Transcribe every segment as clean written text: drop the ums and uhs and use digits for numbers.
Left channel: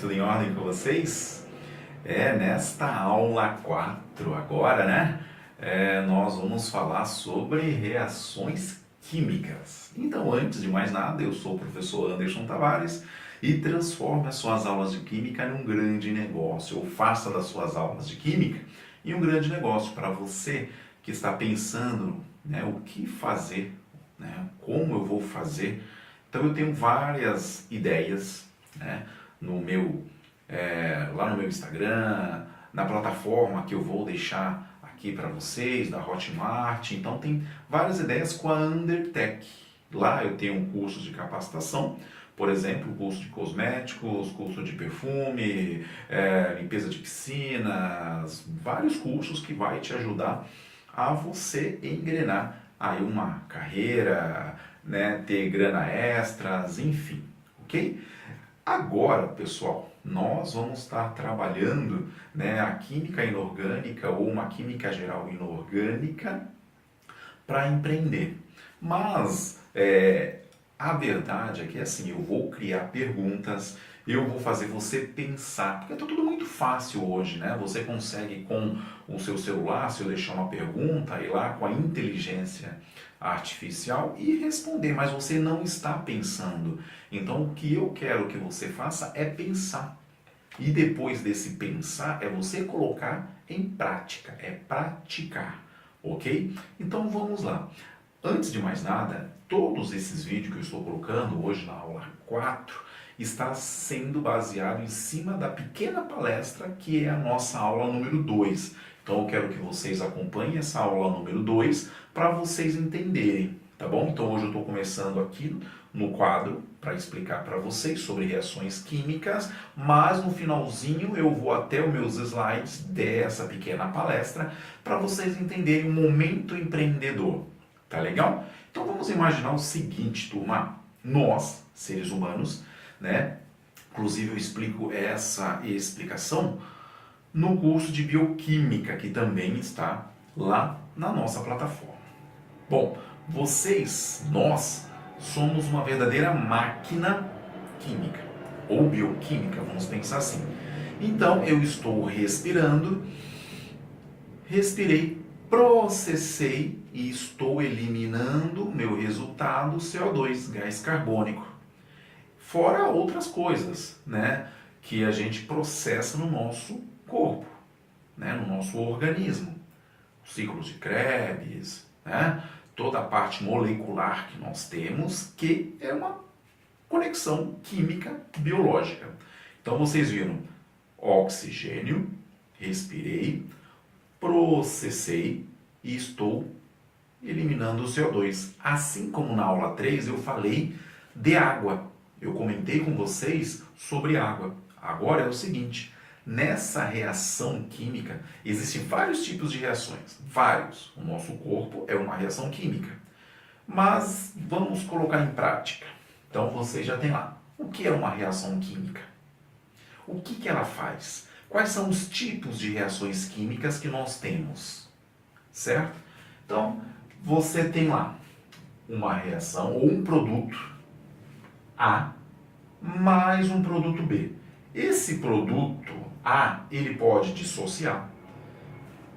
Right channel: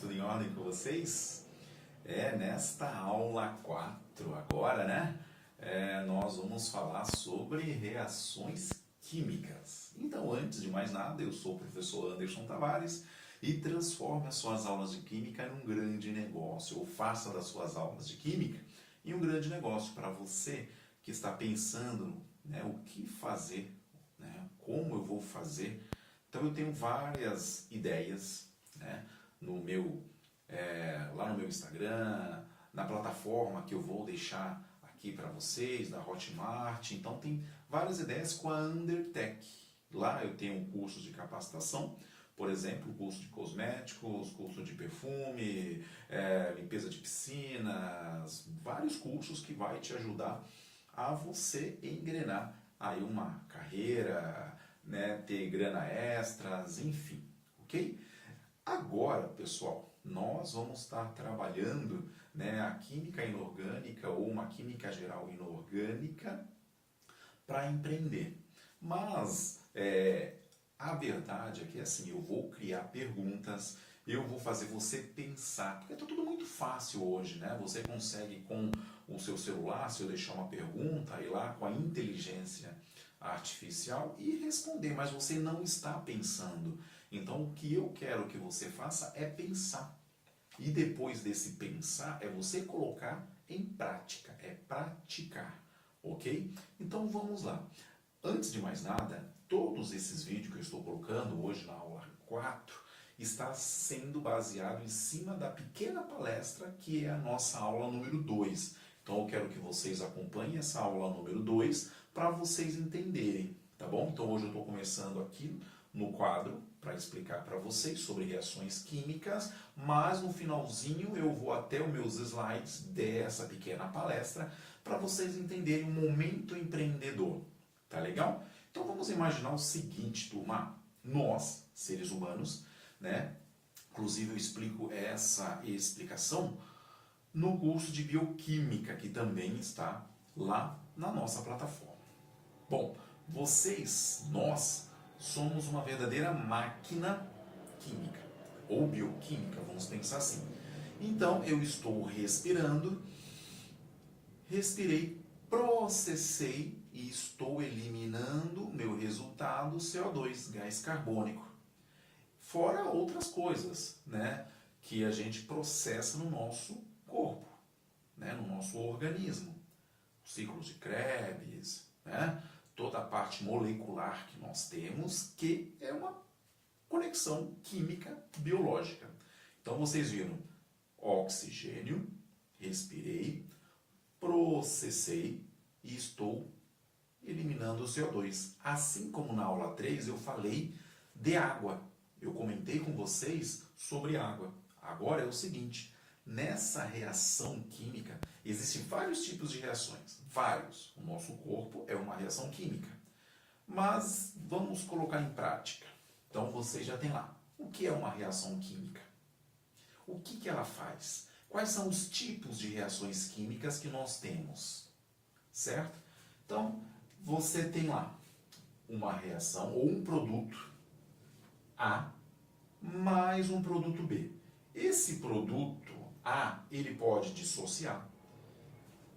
Tudo em ordem com vocês? Nesta aula 4 agora, né? Nós vamos falar sobre reações químicas. Então, antes de mais nada, eu sou o professor Anderson Tavares e transforme as suas aulas de química num grande negócio, ou faça das suas aulas de química em um grande negócio para você que está pensando, né, o que fazer, né, como eu vou fazer. Então, eu tenho várias ideias, né, lá no meu Instagram, na plataforma que eu vou deixar aqui para vocês, da Hotmart. Então tem várias ideias com a Undertech. Lá eu tenho um curso de capacitação, por exemplo, curso de cosméticos, curso de perfume, limpeza de piscinas, vários cursos que vai te ajudar a você engrenar aí uma carreira, né, ter grana extras, enfim, ok? Agora, pessoal, nós vamos estar trabalhando, né, a química inorgânica ou uma química geral inorgânica para empreender. Mas a verdade é que assim, eu vou criar perguntas, eu vou fazer você pensar, porque é tudo muito fácil hoje, né? Você consegue com o seu celular, se eu deixar uma pergunta, ir lá com a inteligência artificial e responder, mas você não está pensando. Então, o que eu quero que você faça é pensar. E depois desse pensar, é você colocar em prática, é praticar, ok? Então, vamos lá. Antes de mais nada, todos esses vídeos que eu estou colocando hoje na aula 4 está sendo baseado em cima da pequena palestra que é a nossa aula número 2. Então eu quero que vocês acompanhem essa aula número 2 para vocês entenderem, tá bom? Então hoje eu estou começando aqui no quadro para explicar para vocês sobre reações químicas, mas no finalzinho eu vou até os meus slides dessa pequena palestra para vocês entenderem o momento empreendedor. Tá legal? Então vamos imaginar o seguinte, turma. Nós, seres humanos, né? Inclusive eu explico essa explicação no curso de bioquímica, que também está lá na nossa plataforma. Bom, nós, somos uma verdadeira máquina química, ou bioquímica, vamos pensar assim. Então eu estou respirando, respirei, processei e estou eliminando meu resultado CO2, gás carbônico. Fora outras coisas, né, que a gente processa no nosso corpo, né, no nosso organismo. Ciclos de Krebs, né, toda a parte molecular que nós temos, que é uma conexão química biológica. Então vocês viram oxigênio, respirei, processei e estou eliminando o CO2. Assim como na aula 3 eu falei de água. Eu comentei com vocês sobre água. Agora é o seguinte, nessa reação química existem vários tipos de reações. Vários. O nosso corpo é uma reação química. Mas vamos colocar em prática. Então você já tem lá. O que é uma reação química? O que ela faz? Quais são os tipos de reações químicas que nós temos? Certo? Então, você tem lá uma reação ou um produto A mais um produto B. Esse produto A, ele pode dissociar.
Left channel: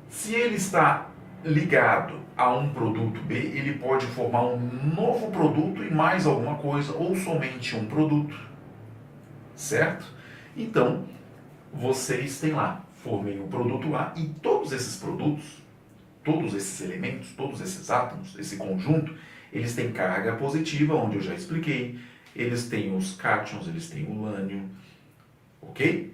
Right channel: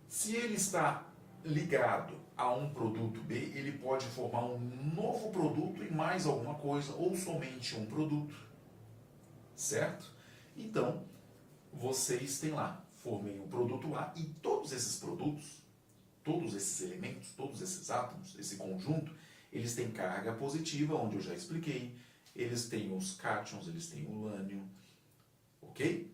Se ele está ligado a um produto B, ele pode formar um novo produto e mais alguma coisa, ou somente um produto. Certo? Então, vocês têm lá, formei o produto A e todos esses produtos, todos esses elementos, todos esses átomos, esse conjunto, eles têm carga positiva, onde eu já expliquei, eles têm os cátions, eles têm o lânio, ok?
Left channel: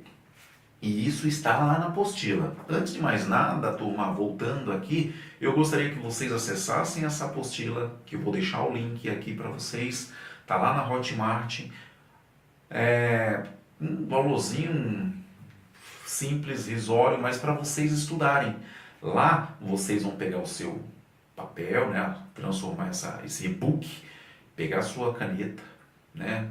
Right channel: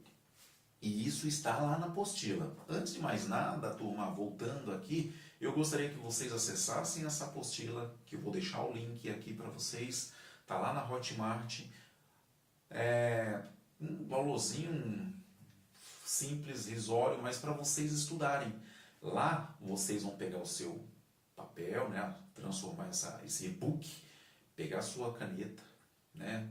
E isso está lá na apostila. Antes de mais nada, turma, voltando aqui, eu gostaria que vocês acessassem essa apostila, que eu vou deixar o link aqui para vocês, tá lá na Hotmart, um valorzinho simples, risório, mas para vocês estudarem. Lá vocês vão pegar o seu papel, né, transformar esse e-book, pegar a sua caneta, né,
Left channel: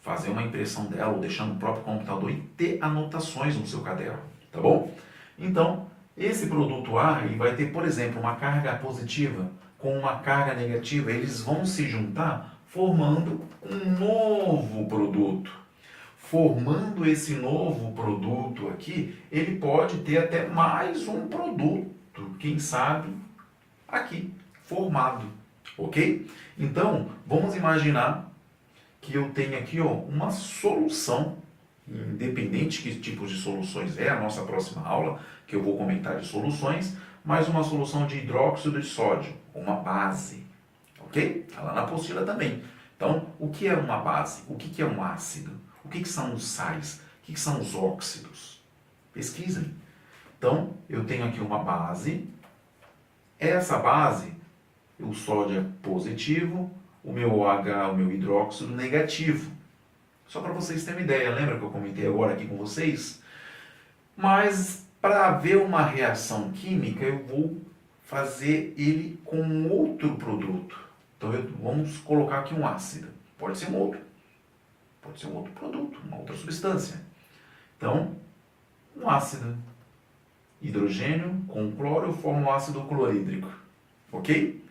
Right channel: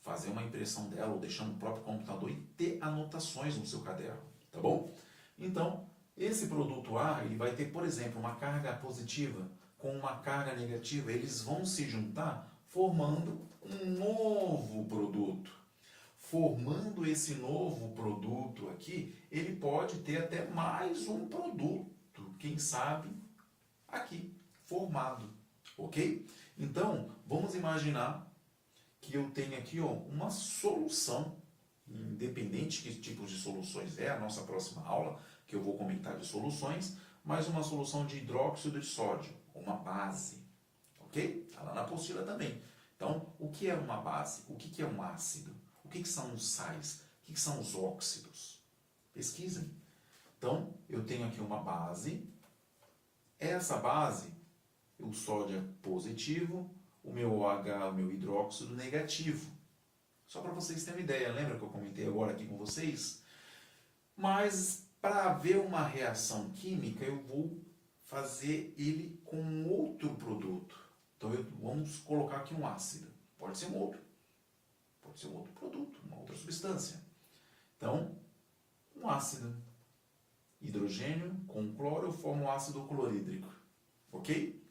fazer uma impressão dela ou deixar no próprio computador e ter anotações no seu caderno, tá bom? Então, esse produto A, ele vai ter, por exemplo, uma carga positiva com uma carga negativa, eles vão se juntar formando um novo produto. formando esse novo produto aqui, ele pode ter até mais um produto, quem sabe, aqui, formado, ok? Então, vamos imaginar que eu tenho aqui ó, uma solução, independente que tipo de soluções é a nossa próxima aula, que eu vou comentar de soluções, mas uma solução de hidróxido de sódio, uma base, ok? Está lá na apostila também. Então, o que é uma base? O que é um ácido? O que são os sais? O que são os óxidos? Pesquisem. Então, eu tenho aqui uma base. Essa base, o sódio é positivo, o meu OH, o meu hidróxido, negativo. Só para vocês terem uma ideia, lembra que eu comentei agora aqui com vocês? Mas, para haver uma reação química, eu vou fazer ele com outro produto. Então, vamos colocar aqui um ácido. Pode ser um outro. Pode ser um outro produto, uma outra substância. Então, um ácido. Hidrogênio com cloro forma o ácido clorídrico. Ok?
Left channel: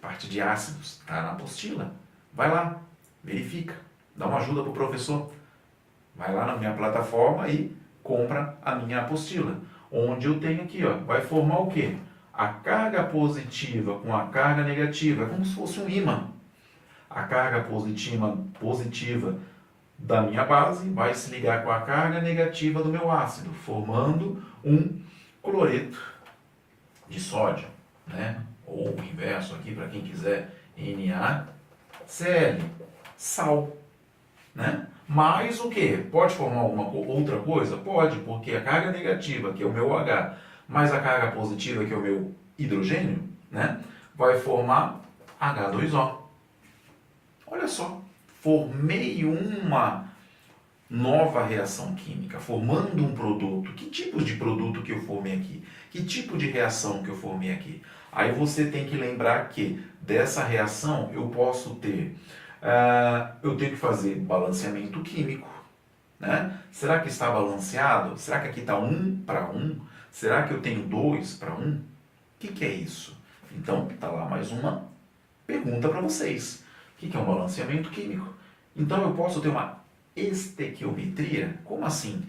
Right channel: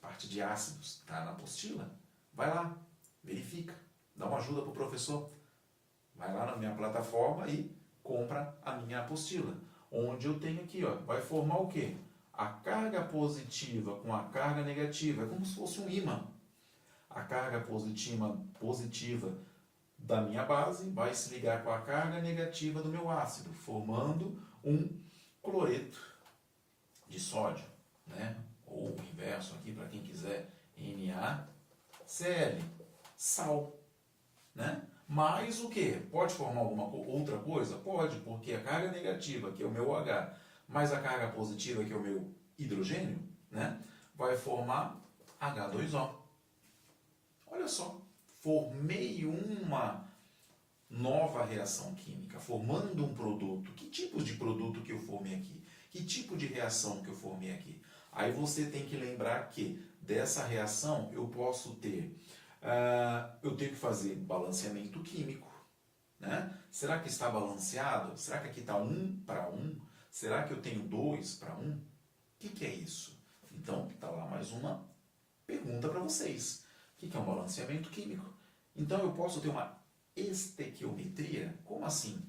Parte de ácidos, está na apostila. Vai lá, verifica. Dá uma ajuda para o professor. Vai lá na minha plataforma e compra a minha apostila. Onde eu tenho aqui, ó, vai formar o quê? A carga positiva com a carga negativa. É como se fosse um ímã. A carga positiva da minha base vai se ligar com a carga negativa do meu ácido, formando um cloreto de sódio, né? Ou o inverso aqui, para quem quiser, NaCl, sal, né? Mais o que? Pode formar alguma outra coisa? Pode, porque a carga negativa, que é o meu OH, mais a carga positiva, que é o meu hidrogênio, né? Vai formar H2O. Olha só, formei uma nova reação química, formando um produto. Que tipo de produto que eu formei aqui? Que tipo de reação que eu formei aqui? Aí você tem que lembrar que dessa reação eu posso ter, eu tenho que fazer balanceamento químico, né? Será que está balanceado? Será que aqui está 1 para 1? Será que eu tenho 2 para 1? O que é isso? Então, está lá mais uma pergunta para vocês. O que é um balanceamento químico? Então, eu posso ter uma estequiometria? Como assim?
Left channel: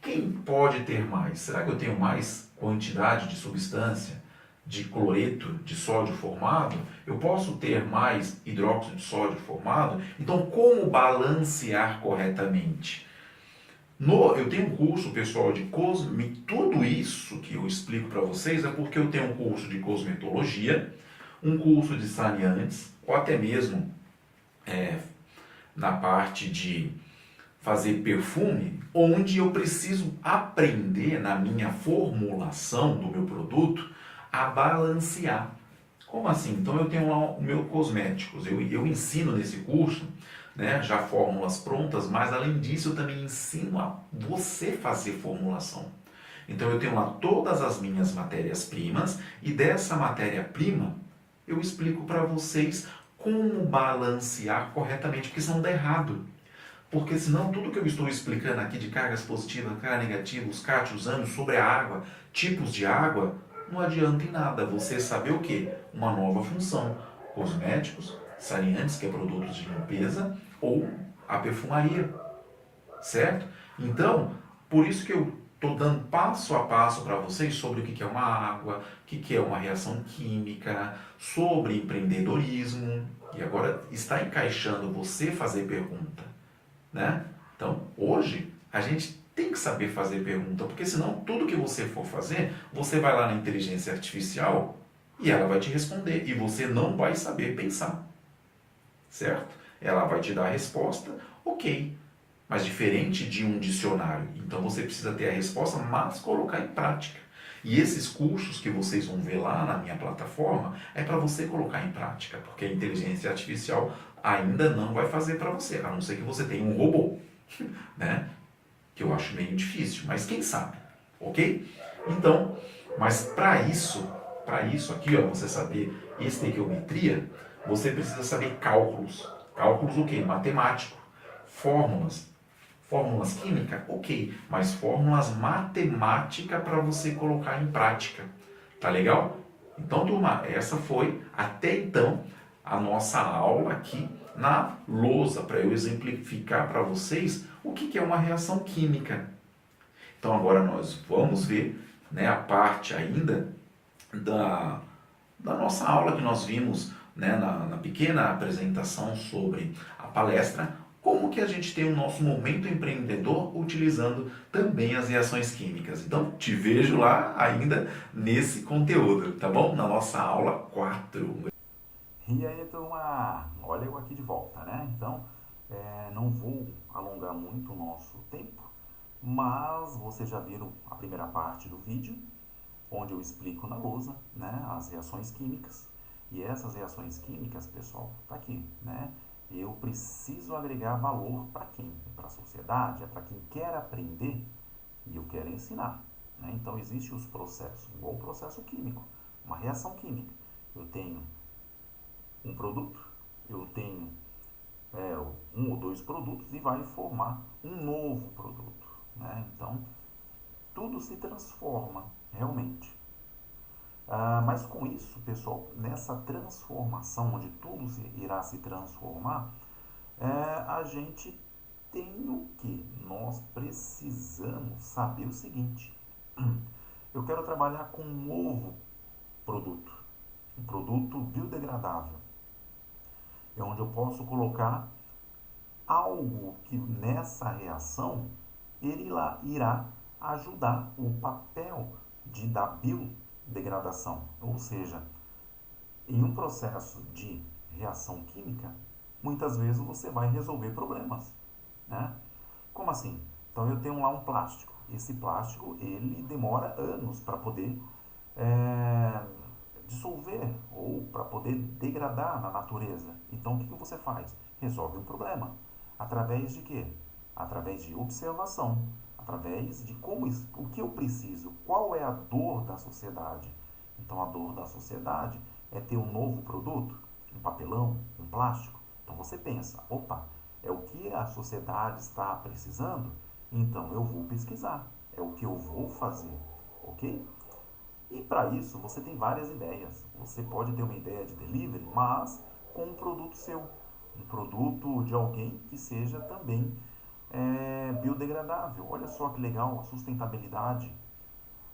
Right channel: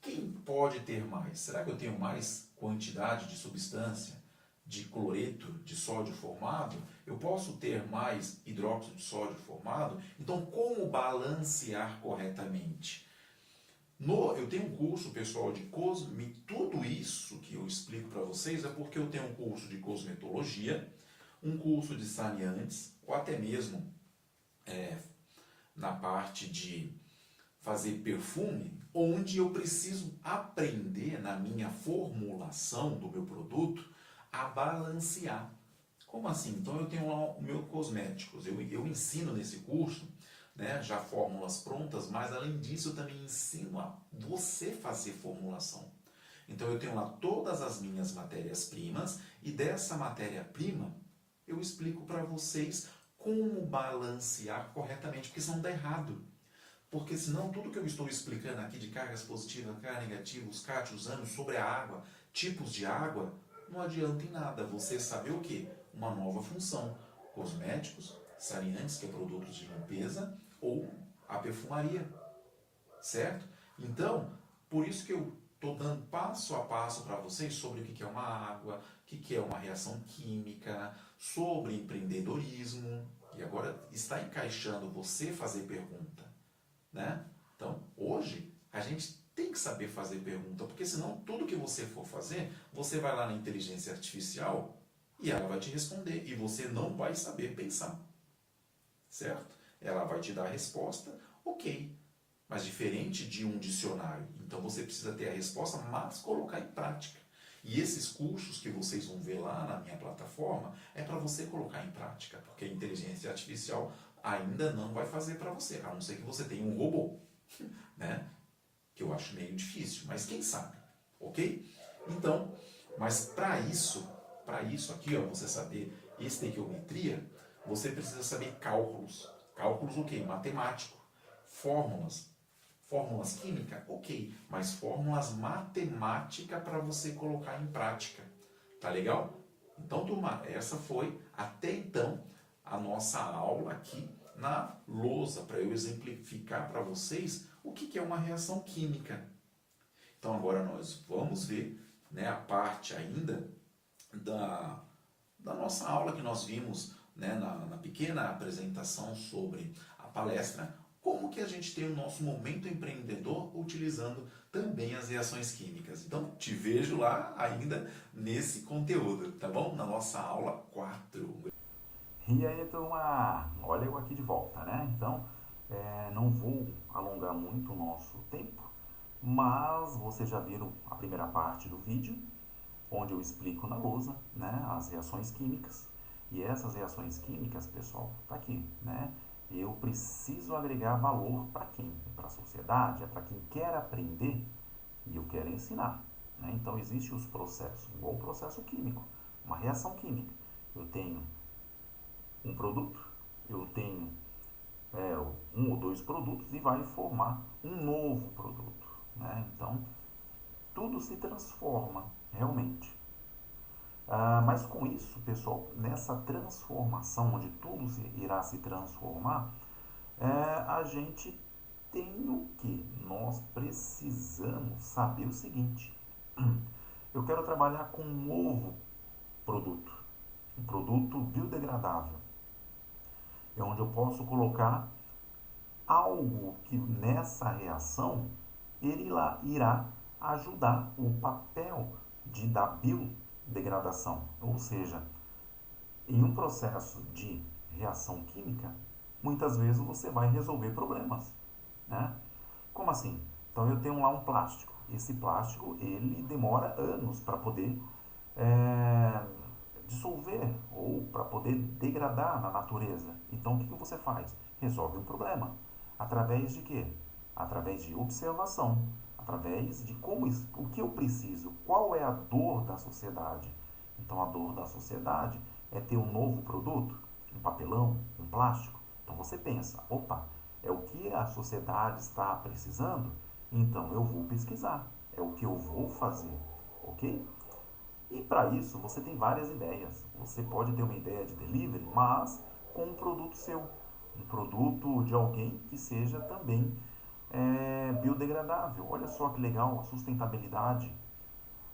Quem pode ter mais? Será que eu tenho mais quantidade de substância, de cloreto de sódio formado? Eu posso ter mais hidróxido de sódio formado? Então, como balancear corretamente? Eu tenho um curso, pessoal, de tudo isso que eu explico para vocês é porque eu tenho um curso de cosmetologia, um curso de saneantes, ou até mesmo na parte de fazer perfume, onde eu preciso aprender na minha formulação do meu produto a balancear. Como assim? Então eu tenho lá o meu cosméticos, eu ensino nesse curso, né, já fórmulas prontas, mas além disso eu também ensino a você fazer formulação. Então eu tenho lá todas as minhas matérias-primas e dessa matéria-prima eu explico para vocês como balancear corretamente, porque senão dá errado. Porque senão tudo que eu estou explicando aqui de cargas positivas, carga negativa, os cátions, ânions, sobre a água, tipos de água, não adianta em nada você saber o que? Uma nova função. Cosméticos, saneantes, que é produtos de limpeza, ou a perfumaria. Certo? Então, por isso que eu estou dando passo a passo para vocês sobre o que é uma água, o que é uma reação química, sobre empreendedorismo. E agora está encaixando você fazer pergunta. Né? Então, hoje, a gente tem que saber fazer pergunta, porque senão tudo que você for fazer, você vai lá na inteligência artificial e ela vai te responder e você não vai saber pensar. Certo? Ela vai te dar a resposta, ok, mas diferente de um dicionário. Então você precisa ter a resposta, mas colocar em prática. E esses cursos que vocês vão ver lá na minha plataforma é para você colocar em prática, porque a inteligência artificial ainda não vai fazer para você, a não ser que você tenha um robô, né? Que eu acho meio difícil, mas quem sabe, ok? Então, mas para isso aqui, ó, você saber estequiometria, você precisa saber cálculos. Cálculos o quê? Matemático. Fórmulas. Fórmulas químicas? Ok, mas fórmulas matemáticas para você colocar em prática. Tá legal? Então, turma, essa foi até então a nossa aula aqui na lousa para eu exemplificar para vocês o que é uma reação química. Então agora nós vamos ver, né, a parte ainda da nossa aula que nós vimos, né, na pequena apresentação sobre a palestra, como que a gente tem o nosso momento empreendedor utilizando também as reações químicas. Então, te vejo lá ainda nesse conteúdo, tá bom? Na nossa aula 4. E aí, turma? Olha eu aqui de volta, né? Então, não vou alongar muito o nosso tempo, mas vocês já viram a primeira parte do vídeo, onde eu explico na lousa, né, as reações químicas. E essas reações químicas, pessoal, tá aqui, né? Eu preciso agregar valor para quem? Para a sociedade, é para quem quer aprender e eu quero ensinar, né? Então, existem os processos, igual o processo químico, uma reação química. Eu tenho um produto, eu tenho um ou dois produtos e vai formar um novo produto, né? Então, tudo se transforma realmente. Mas com isso, pessoal, nessa transformação, onde tudo irá se transformar, a gente tem o que? Nós precisamos saber o seguinte: eu quero trabalhar com um novo produto, um produto biodegradável, é onde eu posso colocar algo que nessa reação ele irá ajudar o papel da biodegradação, ou seja, em um processo de reação química, muitas vezes você vai resolver problemas, né? Como assim? Então eu tenho lá um plástico. Esse plástico ele demora anos para poder é, dissolver ou para poder degradar na natureza. Então o que você faz? Resolve um problema. Através de quê? Através de observação, através de o que eu preciso, qual é a dor da sociedade. Então a dor da sociedade é ter um novo produto, um papelão, um plástico. Então você pensa, opa, é o que a sociedade está precisando? Então eu vou pesquisar, é o que eu vou fazer, ok? E para isso você tem várias ideias. Você pode ter uma ideia de delivery, mas com um produto seu, um produto de alguém que seja também biodegradável. Olha só que legal, a sustentabilidade.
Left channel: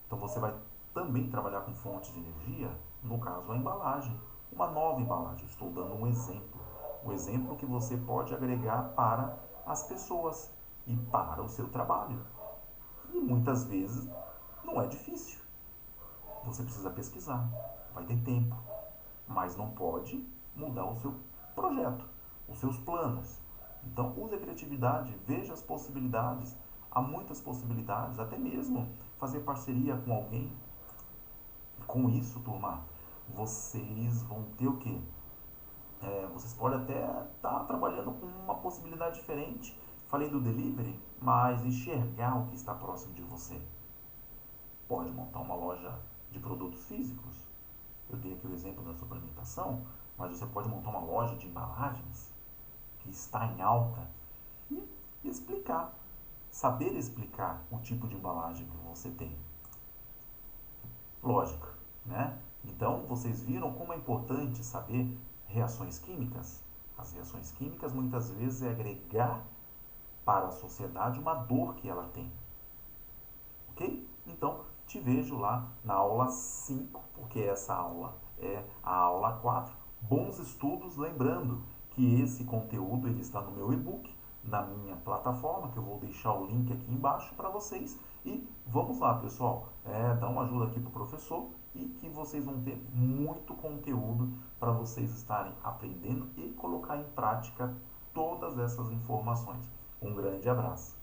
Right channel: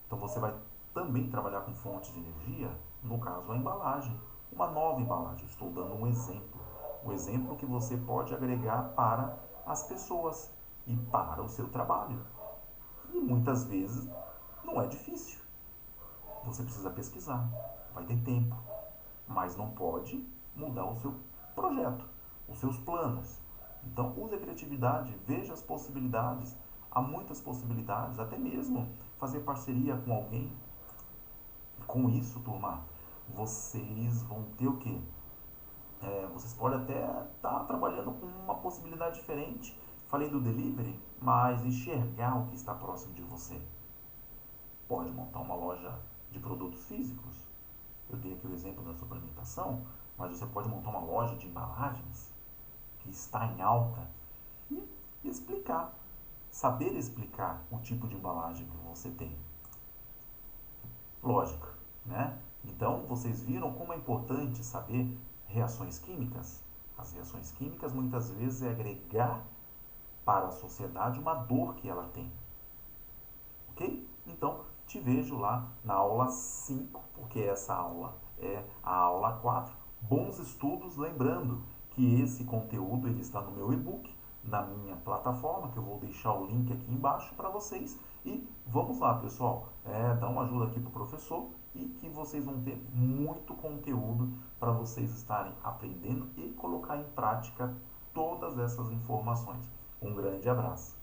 Então você vai também trabalhar com fontes de energia, no caso a embalagem, uma nova embalagem. Estou dando um exemplo. O exemplo que você pode agregar para as pessoas e para o seu trabalho. E muitas vezes não é difícil. Você precisa pesquisar, vai ter tempo, mas não pode mudar o seu projeto, os seus planos. Então use a criatividade, veja as possibilidades. Há muitas possibilidades, até mesmo fazer parceria com alguém. Com isso, turma, vocês vão ter o quê? Vocês podem até estar trabalhando com uma possibilidade diferente. Falei do delivery, mas enxergar o que está próximo de você. Pode montar uma loja de produtos físicos. Eu dei aqui o exemplo da suplementação, mas você pode montar uma loja de embalagens que está em alta e explicar, saber explicar o tipo de embalagem que você tem. Lógico, né? Então, vocês viram como é importante saber reações químicas? As reações químicas muitas vezes é agregar para a sociedade uma dor que ela tem. Ok? Então, te vejo lá na aula 5, porque essa aula é a aula 4. Bons estudos, lembrando que esse conteúdo ele está no meu e-book, na minha plataforma, que eu vou deixar o link aqui embaixo para vocês. E vamos lá, pessoal, dá uma ajuda aqui para o professor e que vocês vão ter muito conteúdo para vocês estarem aprendendo e colocar em prática todas essas informações. Um grande abraço.